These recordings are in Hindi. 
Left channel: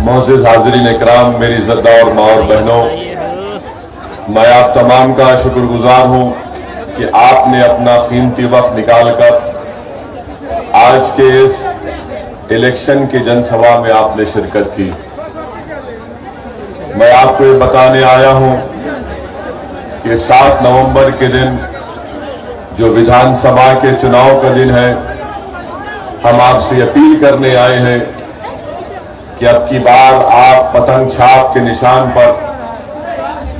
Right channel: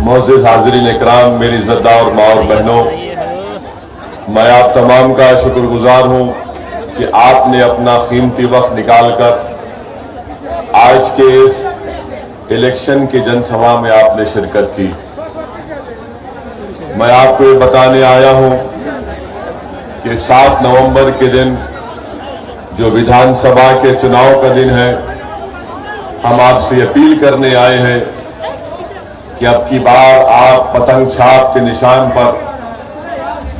मोअज़्ज़िज़ हाज़रीन इकराम, मेरी इज़्ज़तदार माँ और बहनों, मैं आप तमाम का शुक्रगुजार हूँ कि आपने अपना कीमती वक्त निकालकर आज के इस इलेक्शन की जनसभा में आपने शिरकत की। मैं आपको ये बताने आया हूँ कि 7 नवंबर के दिन जो विधानसभा के चुनाव का दिन है, हम आपसे अपील करने आए हैं कि अब की बार आप पतंग छाप के निशान पर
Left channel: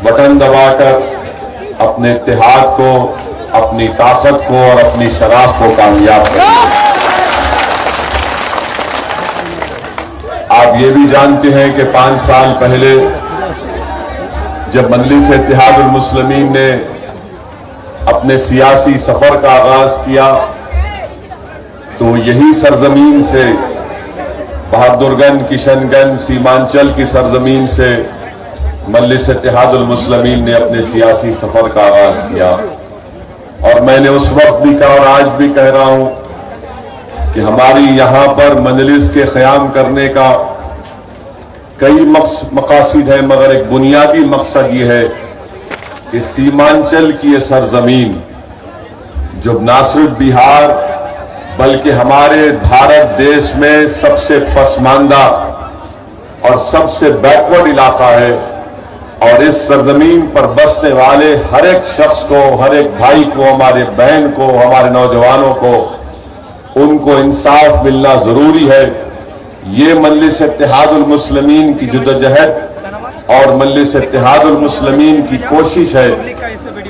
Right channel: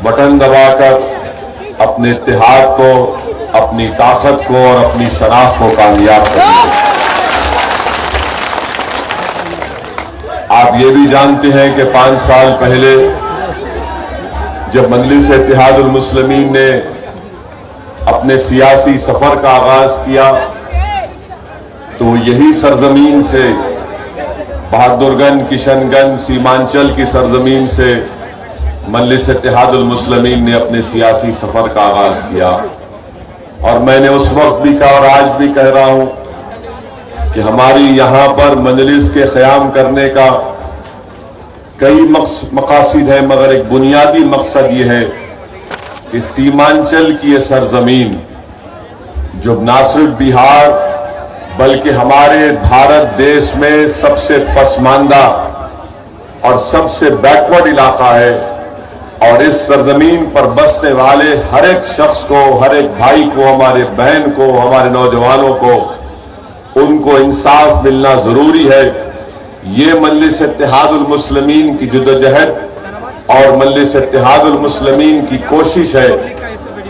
बटन दबाकर अपने इत्तेहाद को, अपनी ताकत को और अपनी शराफ को कामयाब करें। आप ये भी जानते हैं कि 5 साल पहले जब मजलिस इत्तेहादुल मुस्लिमीन ने अपने सियासी सफर का आगाज किया तो यही सरजमीन से, बहादुरगंज, किशनगंज, सीमांचल की सरजमीन से मजलिस इत्तेहादुल मुस्लिमीन ने अपने सियासी सफर का आगाज किया। और मैंने उस वक्त भी कहा और आज भी कह रहा हूं कि हमारी यहां पर मजलिस के क़याम करने का कई मकासद है, मगर एक बुनियादी मकसद ये है कि सीमांचल की ये सरजमीन जो ना सिर्फ बिहार बल्कि हमारे भारत देश में सबसे पसमानदा और सबसे बैकवर्ड इलाका है, और इस सरजमीन पर बसने वाले हर एक शख्स को, हर एक भाई को, हमारे बहन को, हमारे नौजवानों को, उनको इंसाफ मिलना जरूरी है। ये मजलिस इत्तेहादुल मुस्लिमीन की जद्दोजहद और मजलिस इत्तेहादुल मुस्लिमीन की कोशिश है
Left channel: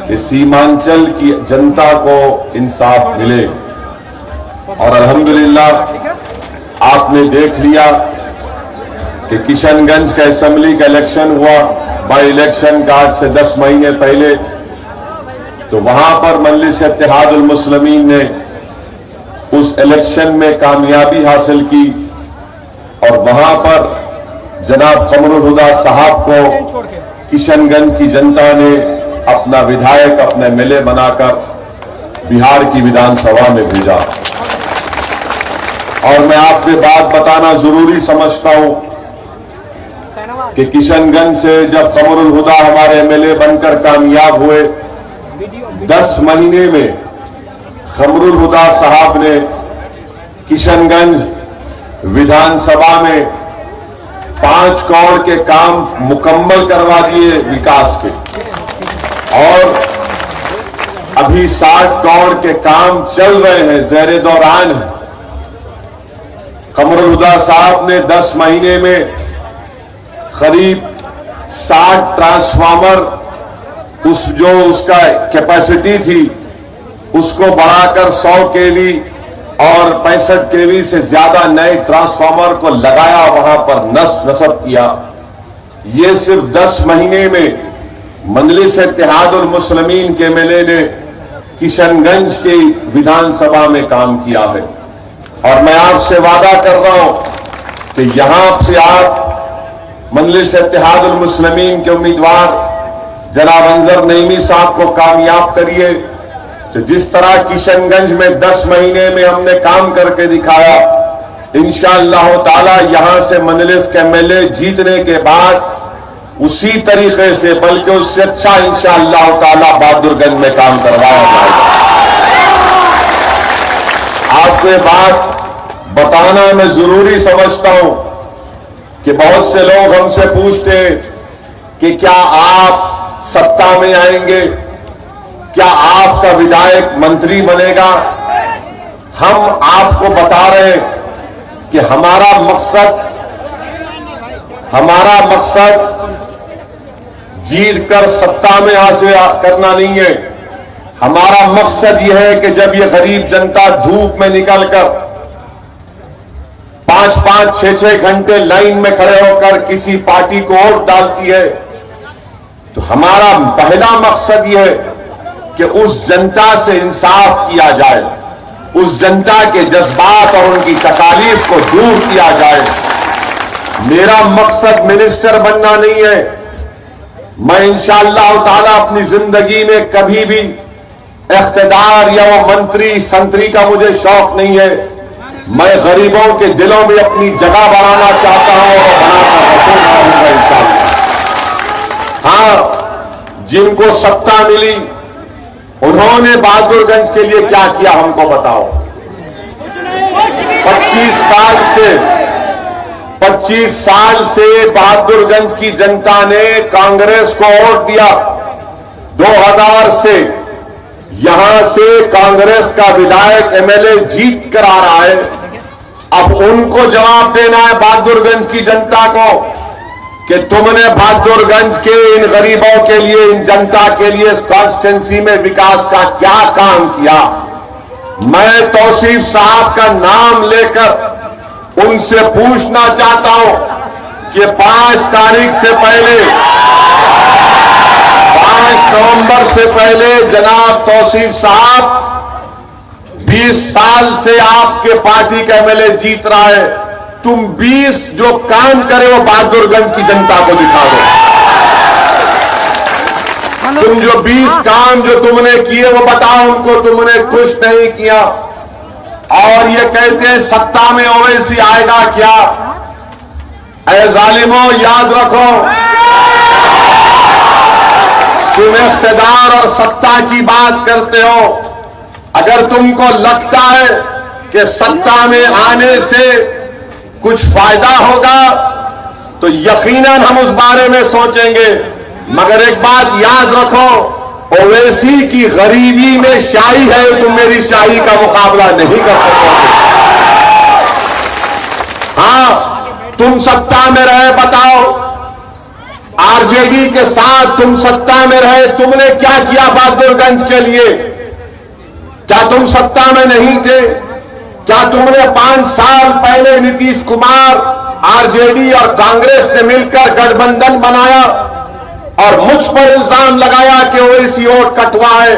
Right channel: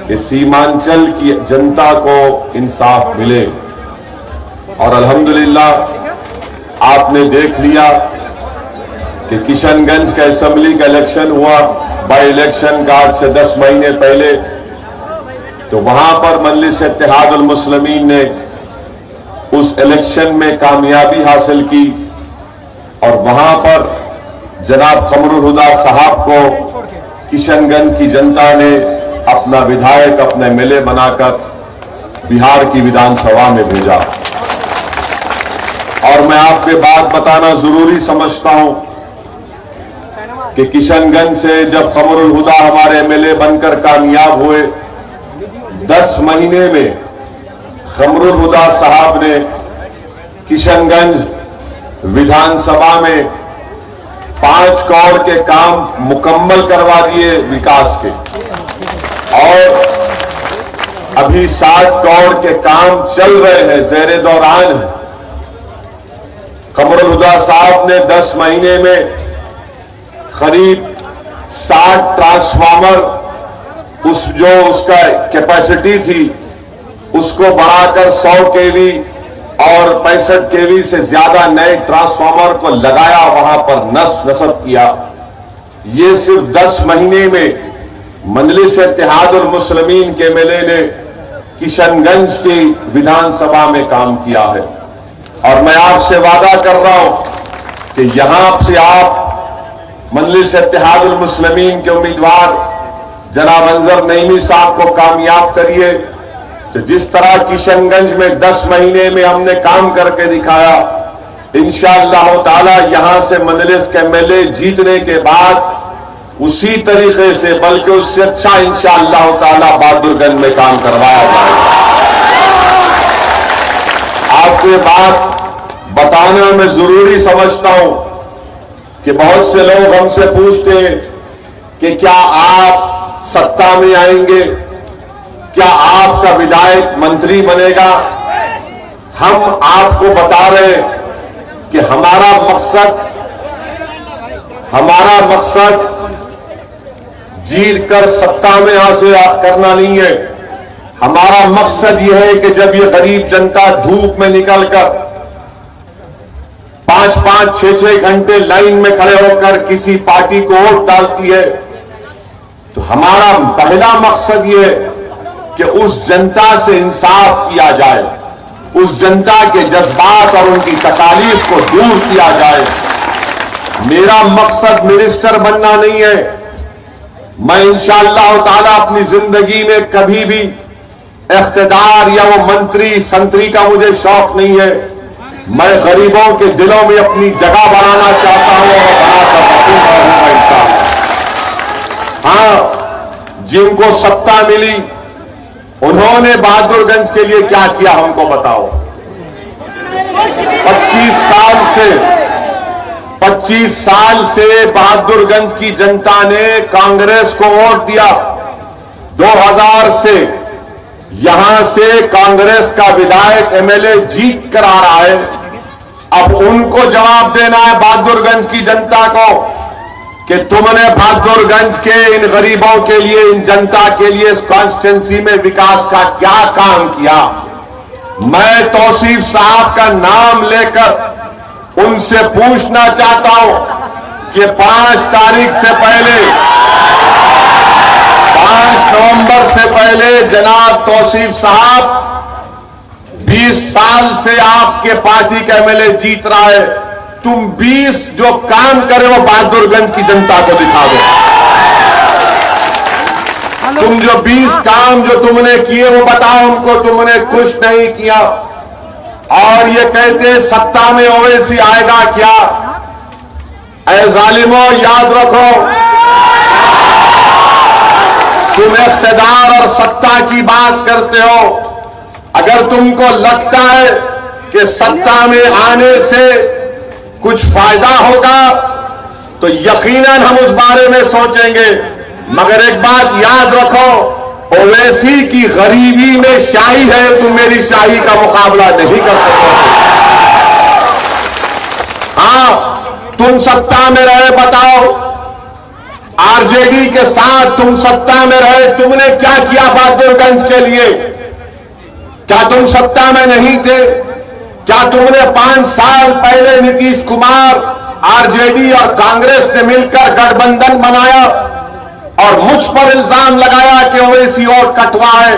कि सीमांचल की जनता को इंसाफ मिले। और अल्हम्दुलिल्लाह आपने देख लिया कि किशनगंज का असेंबली का इलेक्शन हुआ, बाई इलेक्शन का आज से 10 महीने पहले, तो वहां पर मजलिस इत्तेहादुल मुस्लिमीन ने उस इलेक्शन में कामयाबी हासिल की और वहां पर जनाब कमरुल हुदा साहब को किशनगंज की जनता ने अपना विधायक, अपने एमएलए बनाकर बिहार की विधानसभा में भेजा। और मैं आपके बात बताना जरूरी समझता हूं कि किशनगंज से जब कमरुल हुदा हमारे एमएलए बनकर कामयाब हुए, 10 महीने में कमरुल हुदा साहब ने किशनगंज विधानसभा में 5 करोड़ के काम मुकम्मल करवा दिए विकास के, और अभी 60 करोड़ के काम चल रहे हैं, ज़ेरे दौरान है। कमरुल हुदा साहब ने 10 महीने में करीब 60 ट्रांसफार्मर, उसका कैपेसिटी थी उसको बढ़ाकर 100 केवी और 65 केवी से ज्यादा नए ट्रांसफार्मर को लगाया, वहां पर नस्ब किया। ये सिर्फ 10 महीने में मजलिस इत्तेहादुल मुस्लिमीन के एमएलए ने किशनगंज की विधानसभा में काम किया है। और मैं आपसे वादा कर रहा हूं कि यहां से आप मजलिस इत्तेहादुल मुस्लिमीन के उम्मीदवार जनाब अंजर नईमी साहब को कामयाब करिए। तो जिस तरह किशनगंज में 10 महीने में हमने काम करके दिखाया, इंशाअल्लाह ताला यहां से मजलिस के एमएलए जीतने के बाद उसी तरीके से, बल्कि उससे अच्छा इंशाअल्लाह ताला बहादुरगंज में काम करवाया जाएगा। आपको ये बात बताना मैं जरूरी समझता हूं कि बहुत से लोग हमसे पूछते हैं कि क्या आप सत्ता में आएंगे, क्या आपका विधायक मंत्री बनेगा। हम आपको बता रहे हैं कि हमारा मकसद जीत कर सत्ता में हासिल करना नहीं है। हमारा मकसद यह है कि जब ये गरीब जनता धूप में निकलकर 5-5, 6-6 घंटे लाइन में खड़े होकर किसी पार्टी को वोट डालती है, तो हमारा पहला मकसद यह है कि उस जनता से इंसाफ किया जाए, उस जनता के जज्बात और उनकी तकालीफ को दूर किया जाए। मेरा मकसद मिनिस्टर बनना नहीं है। मैं इंशाअल्लाह ताला अपनी जिंदगी में कभी भी इख्तिदार या वो मंत्री संतरी का मुझे शौक नहीं है। मैं गरीबों के दिलों में अपनी जगह बनाना चाहता हूं और बनाकर रखूंगा इंशाअल्लाह। हाँ, जिनको सत्ता मिली उन्होंने बहादुरगंज के लिए क्या किया हमको बताओ। 25 साल से बहादुरगंज की जनता ने कांग्रेस को वोट दिया। 2000 से यहां से कांग्रेस का विधायक एमएलए जीत कर आ रहा है। अब उनको जवाब देना है बहादुरगंज की जनता को कि तुमने बहादुरगंज के इन गरीबों के लिए, इन जनता के लिए इस कॉन्स्टिट्यूंसी में विकास का क्या काम किया। मैं तौसीफ साहब का नाम लेकर उनसे पूछना चाहता हूं कि 5 तारीख से पहले, 5 नवंबर से पहले जनाब तौसीफ साहब 20 साल से आपके पार्टी का एमएलए जीत रहा है। तुम 20 जो काम करे वो बहादुरगंज की जनता को दिखा दो। तुम जो 20 काम जो तुमने किए वो बताओ उनको। तुमने कुछ नहीं किया और ये कहते हैं सत्ता में ओवैसी आएगा क्या। ऐ जालिमों, याद रखो, तुम इख्तियार और सत्ता की बात करते हो। अगर तुमको लगता है कि सत्ता में आने से कुछ फायदा होगा तो यकीनन हम उस बारे में सोचेंगे, मगर एक बात याद रखो, ओवैसी की गरीबी में शाही है, तुम मेरी शाही का मुकाबला नहीं कर सकोगे। हाँ, तुम सत्ता में रहे, बताओ आरजेडी के साथ तुम सत्ता में रहे, तुमने क्या किया बहादुरगंज के लिए। क्या तुम सत्ता में नहीं थे? क्या तुमने 5 साल पहले नीतीश कुमार, आरजेडी और कांग्रेस ने मिलकर गठबंधन बनाया और मुझ पर इल्जाम लगाया कि ओवैसी वोट कटवा है।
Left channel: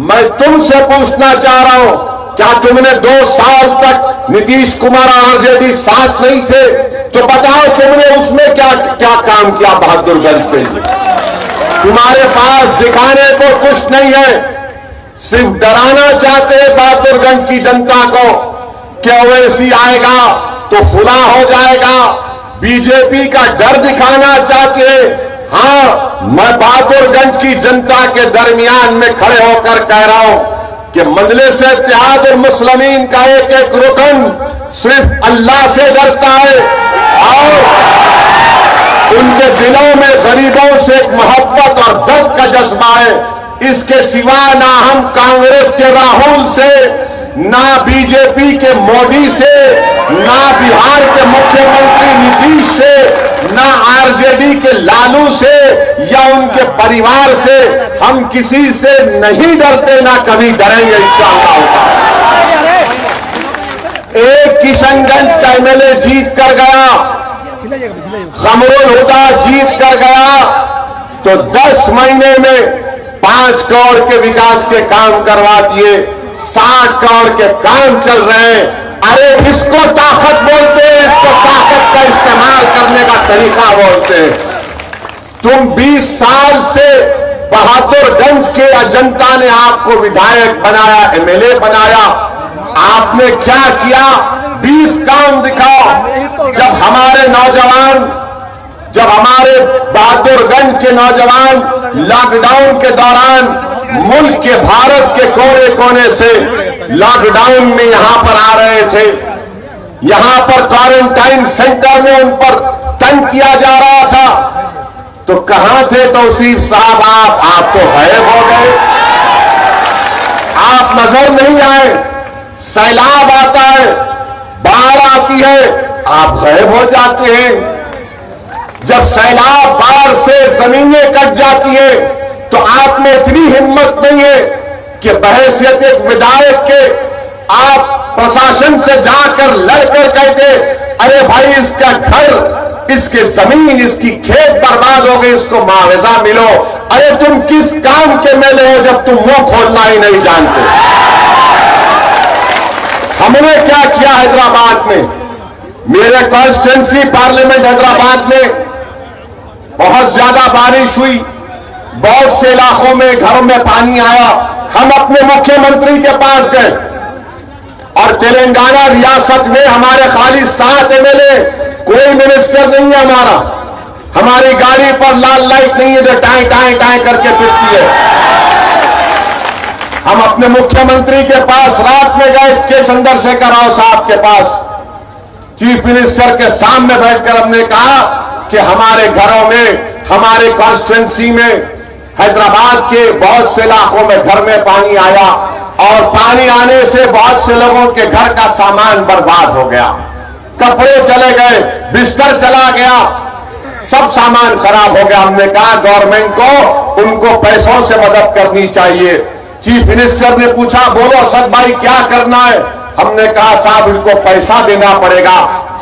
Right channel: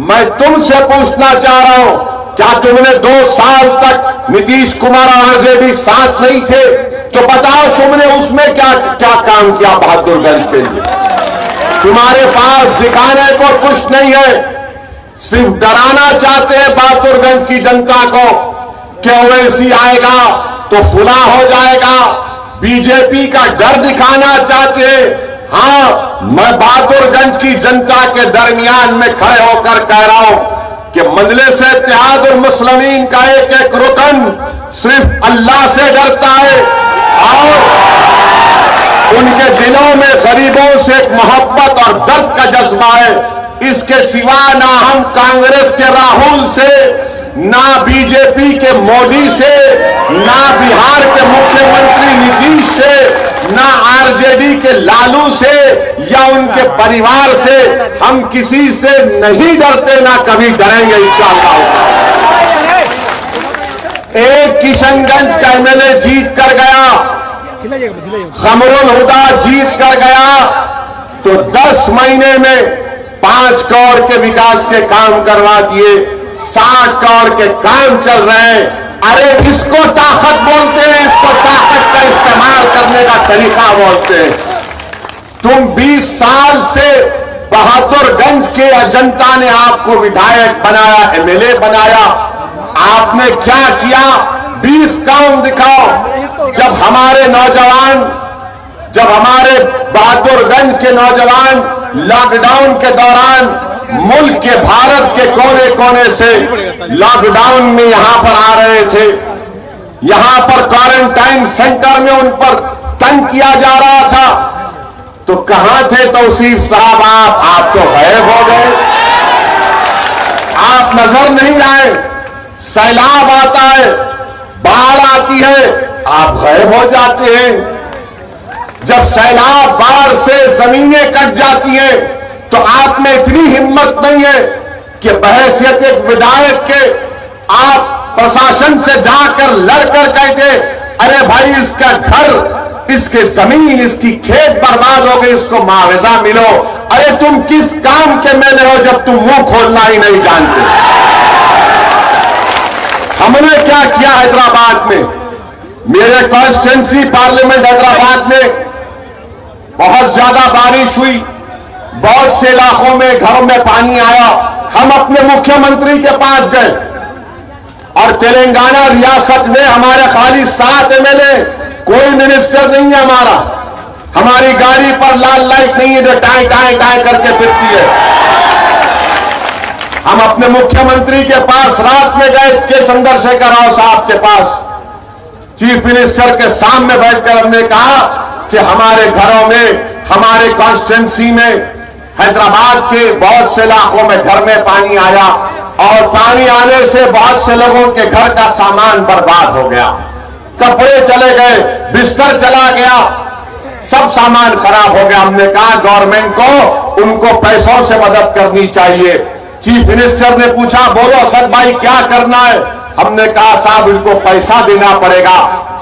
मैं तुमसे पूछना चाह रहा हूं, क्या तुमने 2 साल तक नीतीश कुमार और आरजेडी साथ नहीं थे? तो बताओ तुमने उसमें क्या क्या काम किया बहादुरगंज के लिए। तुम्हारे पास दिखाने को कुछ नहीं है, सिर्फ डराना चाहते हैं बहादुरगंज की जनता को कि ओवैसी आएगा तो फुला हो जाएगा। बीजेपी का डर दिखाना चाहते हैं। हाँ, मैं बहादुरगंज की जनता के दरमियान में खड़े होकर कह रहा हूं कि मजलिस इत्तेहादुल मुस्लिमीन का एक रुकन सिर्फ अल्लाह से डरता है और उनके दिलों में गरीबों से एक मोहब्बत और दर्द का जज्बा है। इसके सिवा ना हम कांग्रेस के राहुल से, ना बीजेपी के मोदी से, ना बिहार के मुख्यमंत्री नीतीश से, ना आरजेडी के लालू से या उनके परिवार से हम किसी से नहीं डरते, ना कभी डरेंगे इंशाअल्लाह। एक किशनगंज का एमएलए जीत कर गया, कमरुल हुदा जीत कर गया, तो 10 महीने में 5 करोड़ के विकास के काम करवा दिए। 60 करोड़ के काम चल रहे हैं। अरे इसको ताकत बोलते हैं, इसको ताकत का इस्तेमाल करने का तरीका बोलते हैं। तुम 20 साल से बहादुरगंज के जनता ने आपको विधायक बनाया, एमएलए बनाया। आपने क्या किया? 20 काम दिखाओ। जब हमारे नौजवान, जब हमारे बहादुरगंज के नौजवान लॉकडाउन के दौरान मुल्क के, भारत के कोने कोने से लॉकडाउन में यहां पर आ रहे थे, यहां पर क्वारंटाइन सेंटर में उन पर तंग किया जा रहा था, तो कहां थे तौसीफ साहब? आप तो गायब हो गए, आप नजर नहीं आए। सैलाब आता है, बाढ़ आती है, आप गायब हो जाते हैं। जब सैलाब, बाढ़ से जमीनें कट जाती हैं तो आप में इतनी हिम्मत नहीं है कि बहैसियत एक विधायक के आप प्रशासन से जाकर लड़कर कहते, अरे भाई इसका घर, इसके जमीन, इसकी खेत बर्बाद हो गई, इसको मुआवजा मिलो। अरे तुम किस काम के मेले हो जब तुम मुंह खोलना ही नहीं जानते। हमने क्या किया हैदराबाद में, मेरे कॉन्स्टिट्यूंसी पार्लियामेंट हैदराबाद में बहुत ज्यादा बारिश हुई, बहुत से इलाकों में घरों में पानी आया। हम अपने मुख्यमंत्री के पास गए, और तेलंगाना रियासत में हमारे खाली 7 एमएलए, कोई मिनिस्टर नहीं है हमारी गाड़ी पर लाल लाइट नहीं है जो टाई टाई टाई करके फिरती है। हम अपने मुख्यमंत्री के पास रात में गए के चंद्रशेखर राव साहब के पास, चीफ मिनिस्टर के सामने बैठकर हमने कहा कि हमारे घरों में, हमारे कॉन्स्टिट्यूंसी में, हैदराबाद के बहुत से इलाकों में घर में पानी आया और पानी आने से बहुत से लोगों के घर का सामान बर्बाद हो गया, कपड़े चले गए, बिस्तर चला गया, सब सामान खराब हो गया। हमने कहा गवर्नमेंट को उनको पैसों से मदद करनी चाहिए। चीफ मिनिस्टर ने पूछा, बोलो असद भाई क्या करना है? हमने कहा साहब इनको पैसा देना पड़ेगा,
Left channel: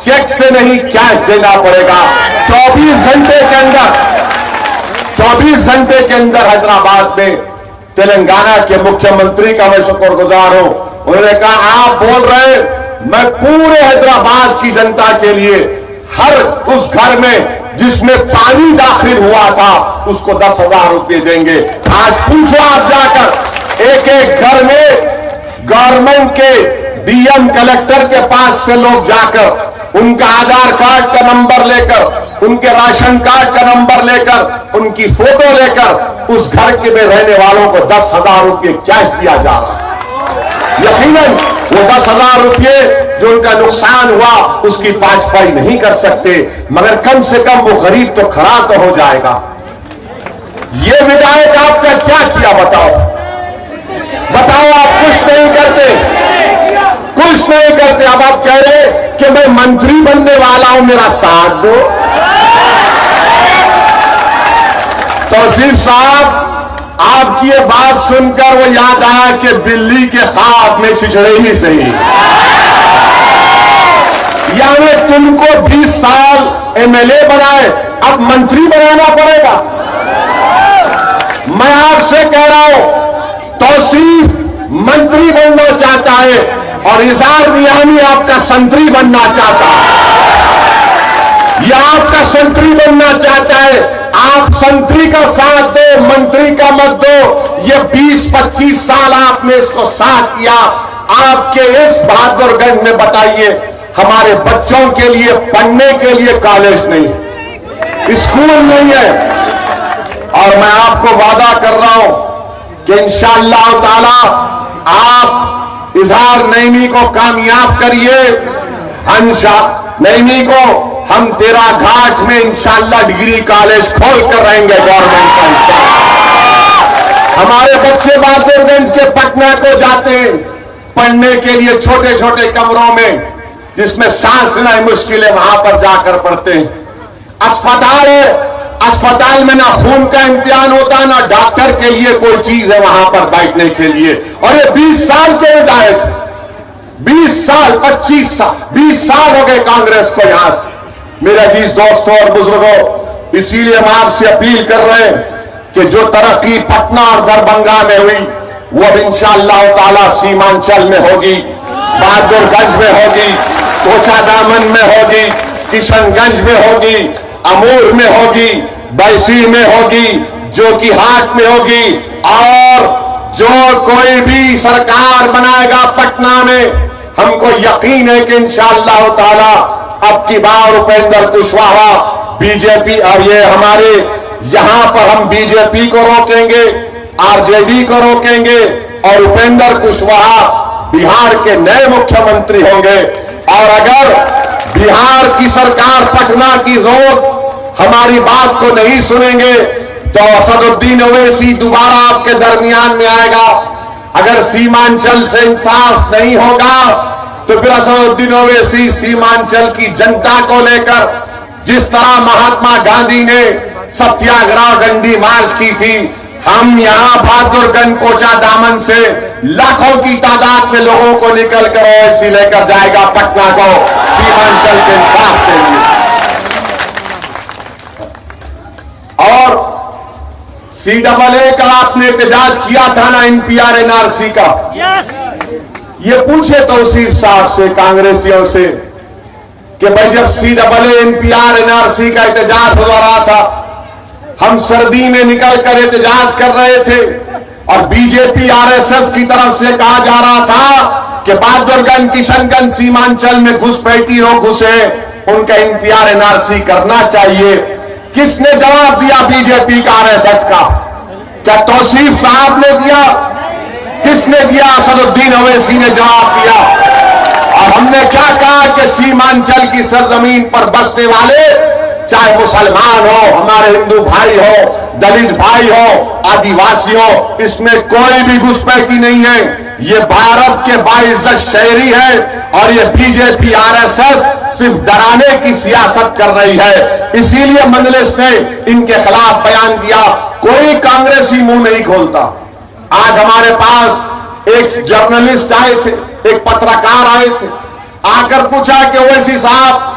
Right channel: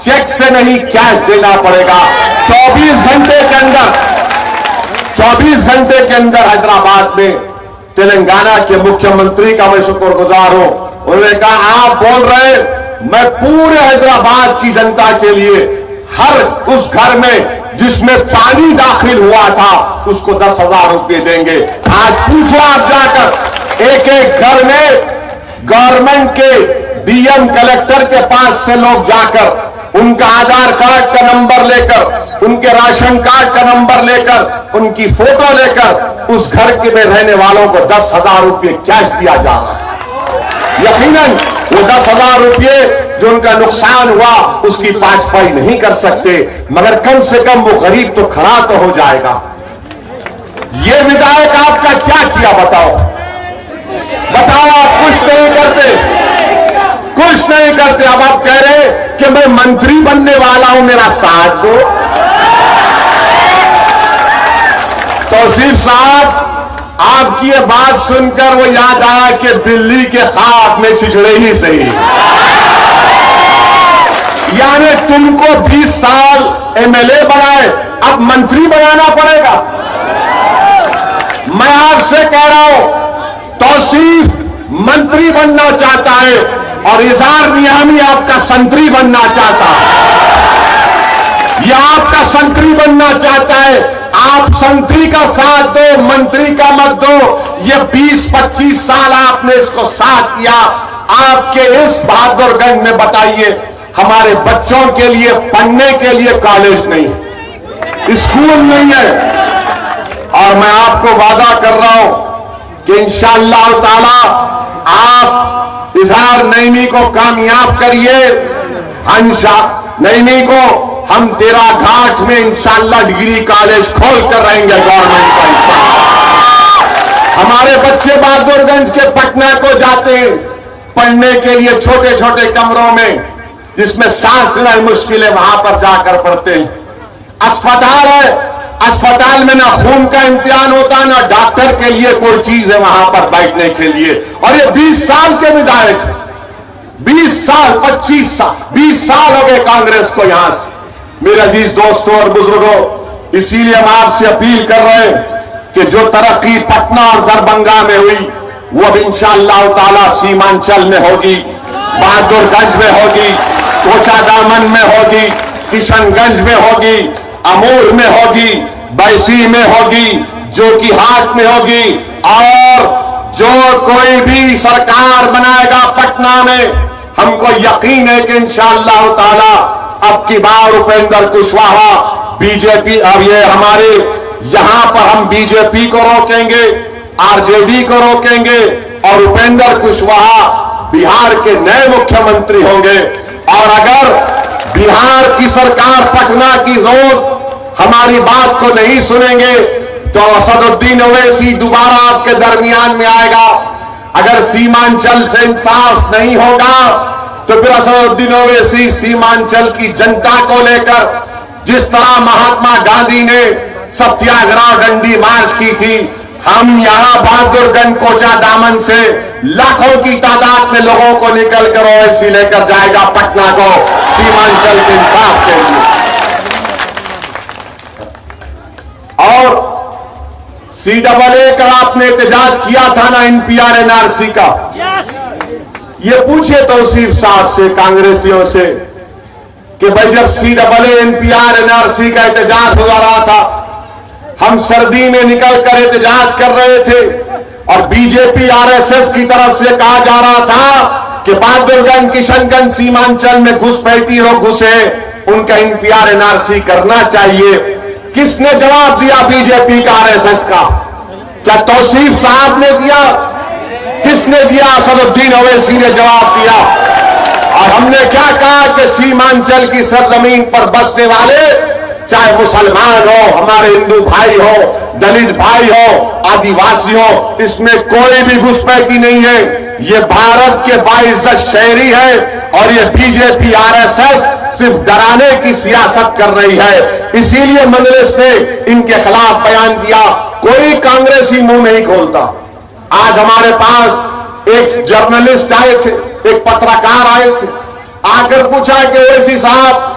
चेक से नहीं कैश देना पड़ेगा। 24 घंटे के अंदर हैदराबाद में तेलंगाना के मुख्यमंत्री का मैं शुक्रगुजार हूं। उन्होंने कहा आप बोल रहे, मैं पूरे हैदराबाद की जनता के लिए हर उस घर में जिसमें पानी दाखिल हुआ था उसको 10,000 रुपये देंगे। आज पूछो आप जाकर एक एक घर में गवर्नमेंट के डीएम कलेक्टर के पास से लोग जाकर उनका आधार कार्ड का नंबर लेकर, उनके राशन कार्ड का नंबर लेकर, उनकी फोटो लेकर उस घर के में रहने वालों को 10,000 रुपये कैश दिया जा रहा है। यकीनन वो 10,000 रुपये जो उनका नुकसान हुआ उसकी भरपाई नहीं कर सकते, मगर कम से कम वो गरीब तो खड़ा तो हो जाएगा। ये विधायक आपका क्या किया बताओ आप कुछ नहीं करते। अब आप कह रहे कि मैं मंत्री बनने वाला हूं, मेरा साथ दो। तौसीफ साहब, आपकी ये बात सुनकर वो याद आया कि बिल्ली के ख्वाब में छिछड़े ही सही। यानी तुमको 20 साल एमएलए बनाए, अब मंत्री बनाना पड़ेगा। मैं आपसे कह रहा हूं, तौसीफ मंत्री बनना चाहता है और इजहार नियामी आपका संतरी बनना चाहता है। यह आपका संतरी बनना चाहता है, आप संतरी का साथ दो, मंत्री का मत दो। ये 20-25 साल आपने इसको साथ दिया। आपके इस बहादुरगंज में बताइए, हमारे बच्चों के लिए पढ़ने के लिए कॉलेज नहीं, स्कूल नहीं है। और मैं आपको वादा कर रहा हूं कि इंशाअल्लाह ताला आप इजहार नईमी को कामयाब करिए। नईमी को हम तेरा घाट में इंशाअल्लाह डिग्री कॉलेज खोल कर रहेंगे गवर्नमेंट का इंशाअल्लाह। हमारे बच्चे बहादुरगंज के पटना को जाते हैं पढ़ने के लिए, छोटे छोटे कमरों में जिसमें सांस लेना मुश्किल है, वहां पर जाकर पढ़ते हैं। अस्पताल है, अस्पताल में ना खून का इम्तिहान होता, ना डॉक्टर के लिए कोई चीज है वहां पर बैठने के लिए। और ये 20 साल के विधायक, 20 साल 25 साल 20 साल हो गए कांग्रेस को यहां से। मेरे अजीज दोस्तों और बुजुर्गों, इसीलिए हम आपसे अपील कर रहे हैं कि जो तरक्की पटना और दरभंगा में हुई वो अब इंशाअल्लाह ताला सीमांचल में होगी, बहादुरगंज में होगी, कोचादामन में होगी, किशनगंज में होगी, अमूर में होगी, बैसी में होगी, जोकीहाट में होगी। और जो कोई भी सरकार बनाएगा पटना में, हमको यकीन है कि इंशाअल्लाह ताला अब की बार उपेंद्र कुशवाहा बीजेपी, अब ये हमारे यहां पर हम बीजेपी को रोकेंगे, आरजेडी को रोकेंगे और उपेंद्र कुशवाहा बिहार के नए मुख्यमंत्री होंगे। और अगर बिहार की सरकार पटना की रोड हमारी बात को नहीं सुनेंगे तो असदुद्दीन ओवैसी दोबारा आपके दरमियान में आएगा। अगर सीमांचल से इंसाफ नहीं होगा तो फिर असदुद्दीन ओवैसी सीमांचल की जनता को लेकर, जिस तरह महात्मा गांधी ने सत्याग्रह डंडी मार्च की थी, हम यहां बहादुरगंज कोचादामन से लाखों की तादाद में लोगों को निकलकर ओवैसी लेकर जाएगा पटना को सीमांचल के इंसाफ के लिए। और CAA का आपने एहतजाज किया था ना, NPR NRC का, ये पूछे तौसीफ साहब से, कांग्रेसियों से, कि भाई जब CAA NPR NRC का एहतजाज हो रहा था, हम सर्दी में निकलकर एहतजाज कर रहे थे और बीजेपी RSS की तरफ से कहा जा रहा था कि बहादुरगंज, किशनगंज, सीमांचल में घुसपैठी लोग घुसे, उनका एनपीआर एनआरसी करना चाहिए। किसने जवाब दिया? बीजेपी का, आरएसएस का। क्या तौसीफ साहब ने दिया? किसने दिया? असदुद्दीन ओवैसी ने जवाब दिया। और हमने क्या कहा कि सीमांचल की सरजमीन पर बसने वाले, चाहे मुसलमान हो, हमारे हिंदू भाई हो, दलित भाई हो, आदिवासी हो, इसमें कोई भी घुसपैठी नहीं है। ये भारत के बाइज्जत शहरी है और ये बीजेपी आरएसएस सिर्फ डराने की सियासत कर रही है। इसीलिए मजलिस ने इनके खिलाफ बयान दिया। कोई कांग्रेसी मुंह नहीं खोलता। आज हमारे पास एक जर्नलिस्ट आए थे, एक पत्रकार आए थे, आकर पूछा कि ओवैसी साहब,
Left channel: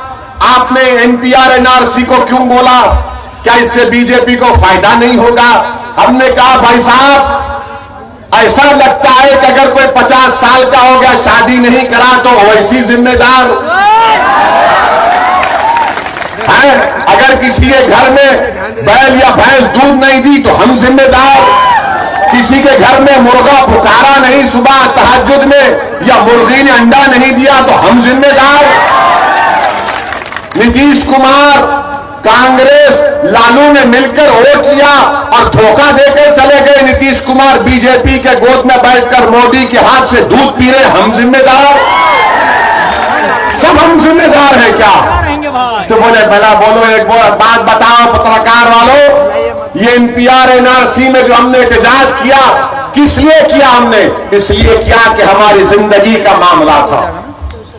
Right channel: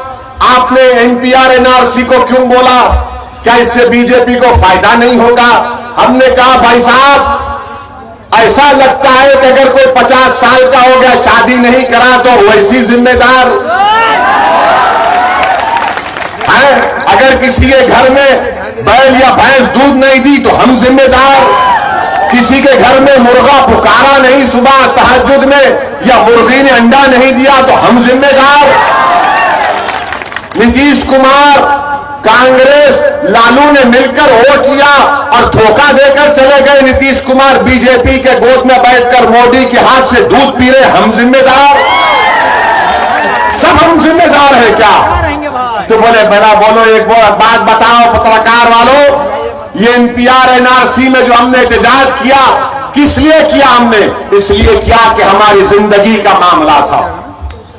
आपने एनपीआर एनआरसी को क्यों बोला? क्या इससे बीजेपी को फायदा नहीं होगा? हमने कहा भाई साहब, ऐसा लगता है कि अगर कोई 50 साल का हो गया, शादी नहीं करा, तो ओवैसी जिम्मेदार है। अगर किसी के घर में बैल या भैंस दूध नहीं दी तो हम जिम्मेदार। किसी के घर में मुर्गा पुकारा नहीं सुबह तहज्जुद में, या मुर्गी ने अंडा नहीं दिया तो हम जिम्मेदार। नीतीश कुमार, कांग्रेस, लालू ने मिलकर वोट लिया और धोखा देकर चले गए। नीतीश कुमार बीजेपी के गोद में बैठकर मोदी के हाथ से दूध पी रहे, हम जिम्मेदार। सब हम जिम्मेदार हैं क्या? तो बोले भला बोलो, एक बात बताओ पत्रकार वालों, ये एनपीआर एनआरसी में जो हमने एहतजाज किया, किस लिए किया? हमने इसलिए किया कि हमारी जिंदगी का मामला था,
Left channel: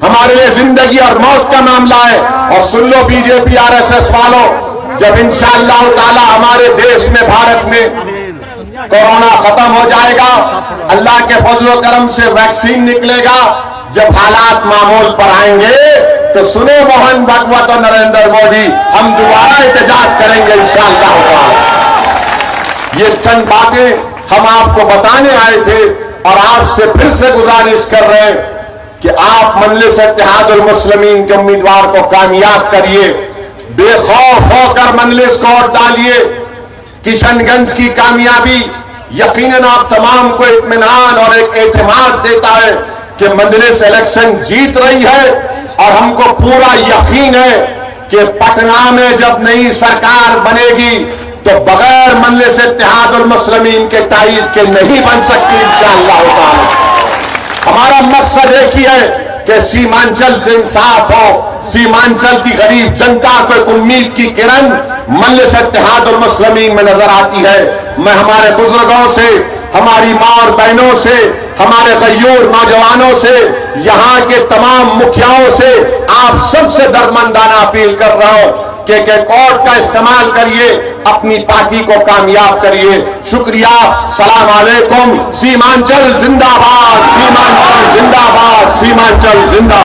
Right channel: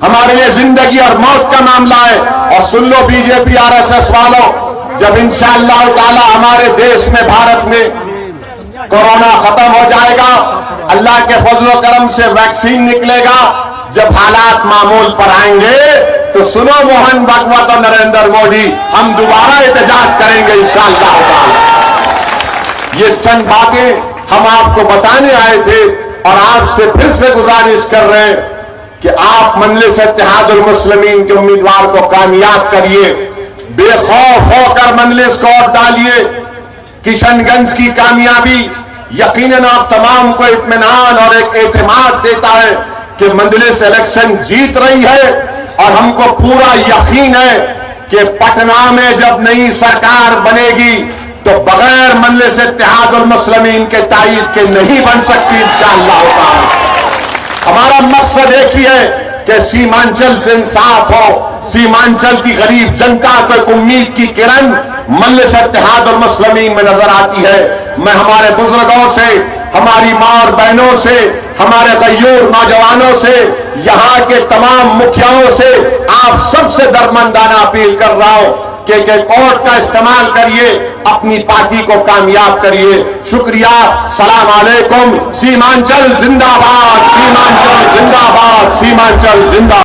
हमारे लिए जिंदगी और मौत का मामला है। और सुन लो बीजेपी आरएसएस वालों, जब इंशाअल्लाह ताला हमारे देश में, भारत में कोरोना खत्म हो जाएगा, अल्लाह के फजलो करम से वैक्सीन निकलेगा, जब हालात मामूल पर आएंगे, तो सुनो मोहन भागवत और नरेंद्र मोदी, हम दोबारा एहतजाज करेंगे इंशाअल्लाह ताला। ये चंद बातें हम आपको बताने आए थे और आपसे फिर से गुजारिश कर रहे हैं कि आप मजलिस इत्तेहादुल मुस्लिमीन के उम्मीदवार को कामयाब करिए। बेखौफ होकर मजलिस को वोट डालिए। किशनगंज की कामयाबी यकीनन आप तमाम को इत्मीनान और एक एतमाद देता है कि मजलिस इलेक्शन जीत रही है। और हमको पूरा यकीन है कि पटना में जब नई सरकार बनेगी तो बगैर मजलिस इत्तेहादुल मुस्लिमीन के ताईद के नहीं बन सकती इंशाअल्लाह ताला। हमारा मकसद एक ही है कि सीमांचल से इंसाफ हो, सीमांचल की गरीब जनता को एक उम्मीद की किरण मजलिस इत्तेहादुल मुस्लिमीन में नजर आती है। मैं हमारे बुजुर्गों से, हमारी मां और बहनों से, हमारे गय्यूर नौजवानों से, यहाँ के तमाम मुखियाओं से, आप सबसे दरमंदाना अपील कर रहा हूं कि वोट का इस्तेमाल करिए, अपनी पार्टी को कामयाब करिए। शुक्रिया। सलाम अलैकुम। सीमांचल जिंदाबाद, सीमांचल जिंदाबाद, सीमांचल जिंदाबाद।